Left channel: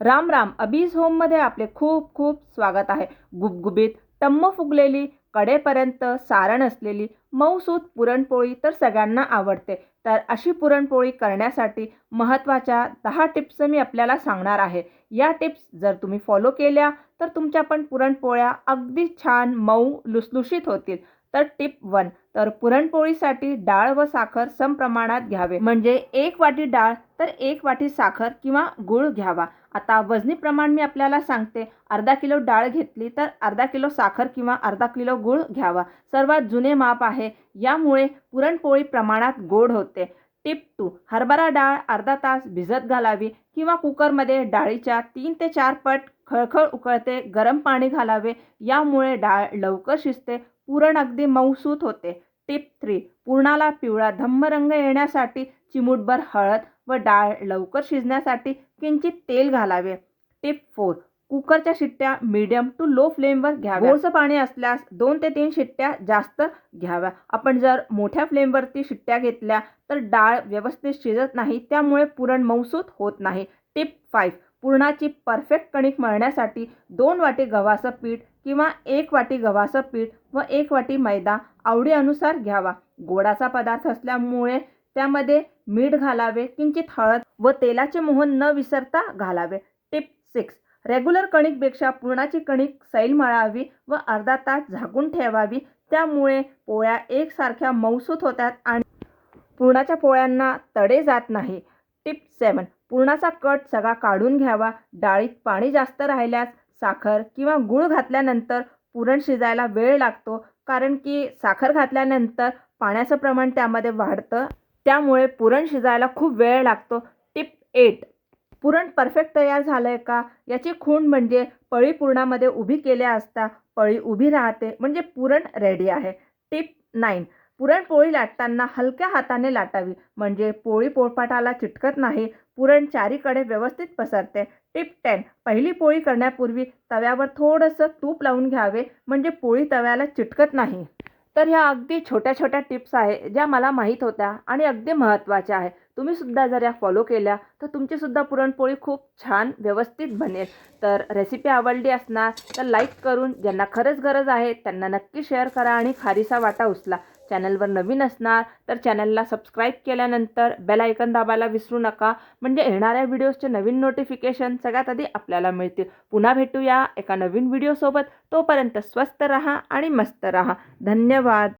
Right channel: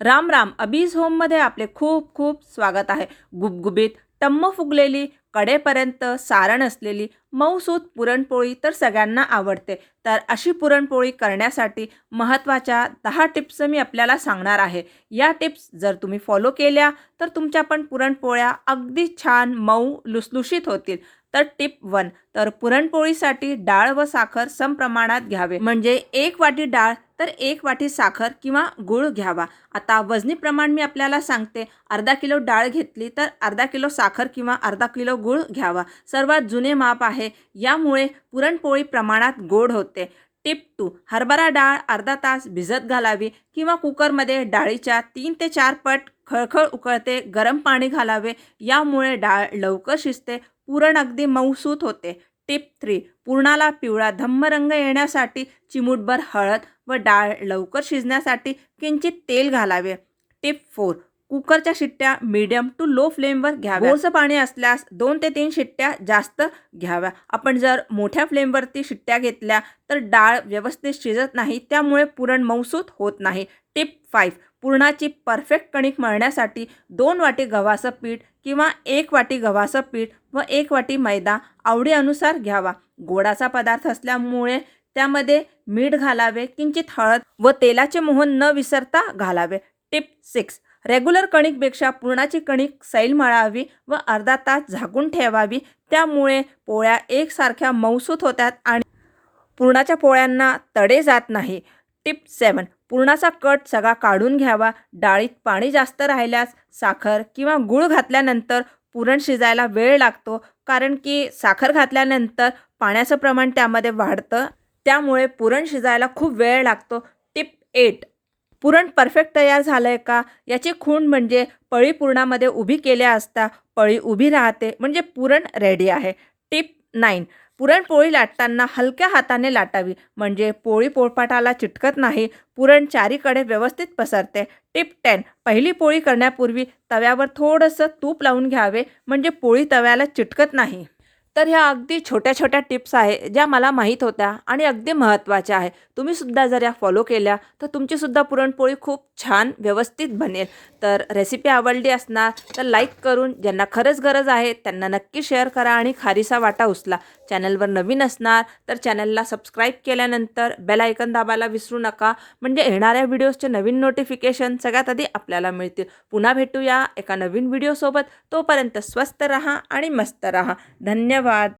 राम राम. अबीज होममध्ये आपले खूप खूप स्वागत आहे. गुबगुबीत टम्म फुगलेली कडेपर्यंत सारण असलेली मऊसूत पुरणपोळी तर सगळ्यांना आवडते. तर अशी पुरणपोळी करण्यासाठी महत्त्वाच्या 10 टिप्स मी आपल्याला सांगणार आहे. या टिप्स जर तुम्ही फॉलो केल्या तर तुमच्या पण पुरणपोळ्या अगदी छान मऊ लुसलुशीत होतील. तर टिप 1, तर पुरणपोळीसाठी डाळ व साखर समप्रमाणात घ्यावे. म्हणजे 1 वाटी डाळ तर 1 वाटी साखर किंवा गूळ घ्यावा. आता वजनी प्रमाण मी आपल्याला सांगते. अर्धा किलो डाळ घेतली तर अर्धा किलो साखर किंवा अर्धा किलो गूळ घ्यावा. सर्वात जुने माप आहे. यामुळे पुरणपोळी प्रमाणात गोड होते. टिप 2, हरभरा डाळ अर्धा तास भिजत घालावी किंवा कुकरमध्ये डाळीच्या 3 ते 4 पट खळखळ उकळते गरम पाणी घालावे. यामुळे डाळ लवकर शिजते, पुरण अगदी मऊसूत होते. टिप 3, पुरणाला पिवळा धम्म रंग येण्यासाठी चिमूटभर हळद व डाळ लवकर शिजण्यासाठी किंचित तेल घालावे. टिप 4, कुकरच्या शिट्ट्या मीडियम टू लो फ्लेमवर घ्याव्या. गोडसं पाणी असल्यास 2 ते 3 शिट्ट्या जास्त घ्याव्या. आपण जर मोठ्या फ्लेमवरती शिट्ट्या घेतल्या तर डाळ व्यवस्थित शिजत नाही, त्यामुळे पुरण मऊसूत होत नाही. टिप 5, पुरणाची परफेक्ट कणिक मळण्यासाठी 2 वाटी गव्हाचं पीठ किंवा 1 वाटी गव्हाचं पीठ व 1 वाटी मैदा आवडीनुसार घ्यावा. गोडाचा पदार्थ असल्यामुळे त्यामध्ये मीठ घालावे, किंचित हळद व तेलाचे मोहन न विसरता घालावे. टिप 6, रेग्युलर कणिकपेक्षा पुरणाची कणिक सैल मळावी व अर्धा तास झाकून ठेवावी. त्यामुळे पोळ्या एकसारख्या मऊसूत होतात आणि पुरणाच्या पोळ्यांना तडे जात नाही. टिप 7, पुरणाचा कट सगळा काढून घ्यावा. डाळीत पाणी जास्त राहिल्यास साखर किंवा गूळ घातल्यानंतर पुरण शिजायला वेळ लागतो, कारण की साखर घातल्यानंतर पाण्याचं प्रमाण त्यामध्ये वाढतं, त्यामुळे पुरण शिजायला खूप वेळ लागतो. टिप 8, पुरण परफेक्ट तयार झालं आहे का याची खूण म्हणजे पळी पुरणामध्ये उभी केल्या असता पळी उभी राहते, म्हणजे पुरण रेडी आहे. टिप 9, पुरणपोळी लाटताना हलक्या हाताने लाटावी, म्हणजे पोळी पोळपाटाला चिटकत नाही, पुरण चारीकडे व्यवस्थित पसरते. टिप 10, पहिली पोळी करण्यापूर्वी तव्यावर थोडंसं तूप लावून घ्यावे, म्हणजे पोळी तव्याला चिटकत नाही. तर ह्या अगदी छोट्या छोट्या टिप्स आहे ज्या मला माहीत होत्या आणि अगदी महत्त्वाच्या आहे. तुम्हीसुद्धा जर या फॉलो केल्या तर तुमचीसुद्धा पुरणपोळी खूप छान व्यवस्थित बनेल. तर रेसिपी आवडली असणार तर लाईक करून, ज्यांना खरंच गरज आहे त्यांना नक्की शेअर करा आणि खारीचा वाटा उचला. चॅनलवर नवीन असणार तर चॅनलला सबस्क्राईब केल्यानंतर बेल आयकन दाबायला विसरू नका, म्हणजे येणाऱ्या व्हिडिओजचे नवीन नोटिफिकेशन सगळ्यात आधी आपल्याला मिळतील. पुन्हा भेटूया एका नवीन व्हिडिओसोबत. तोपर्यंत स्वस्त रहा आणि मस्त रहा. धन्यवाद.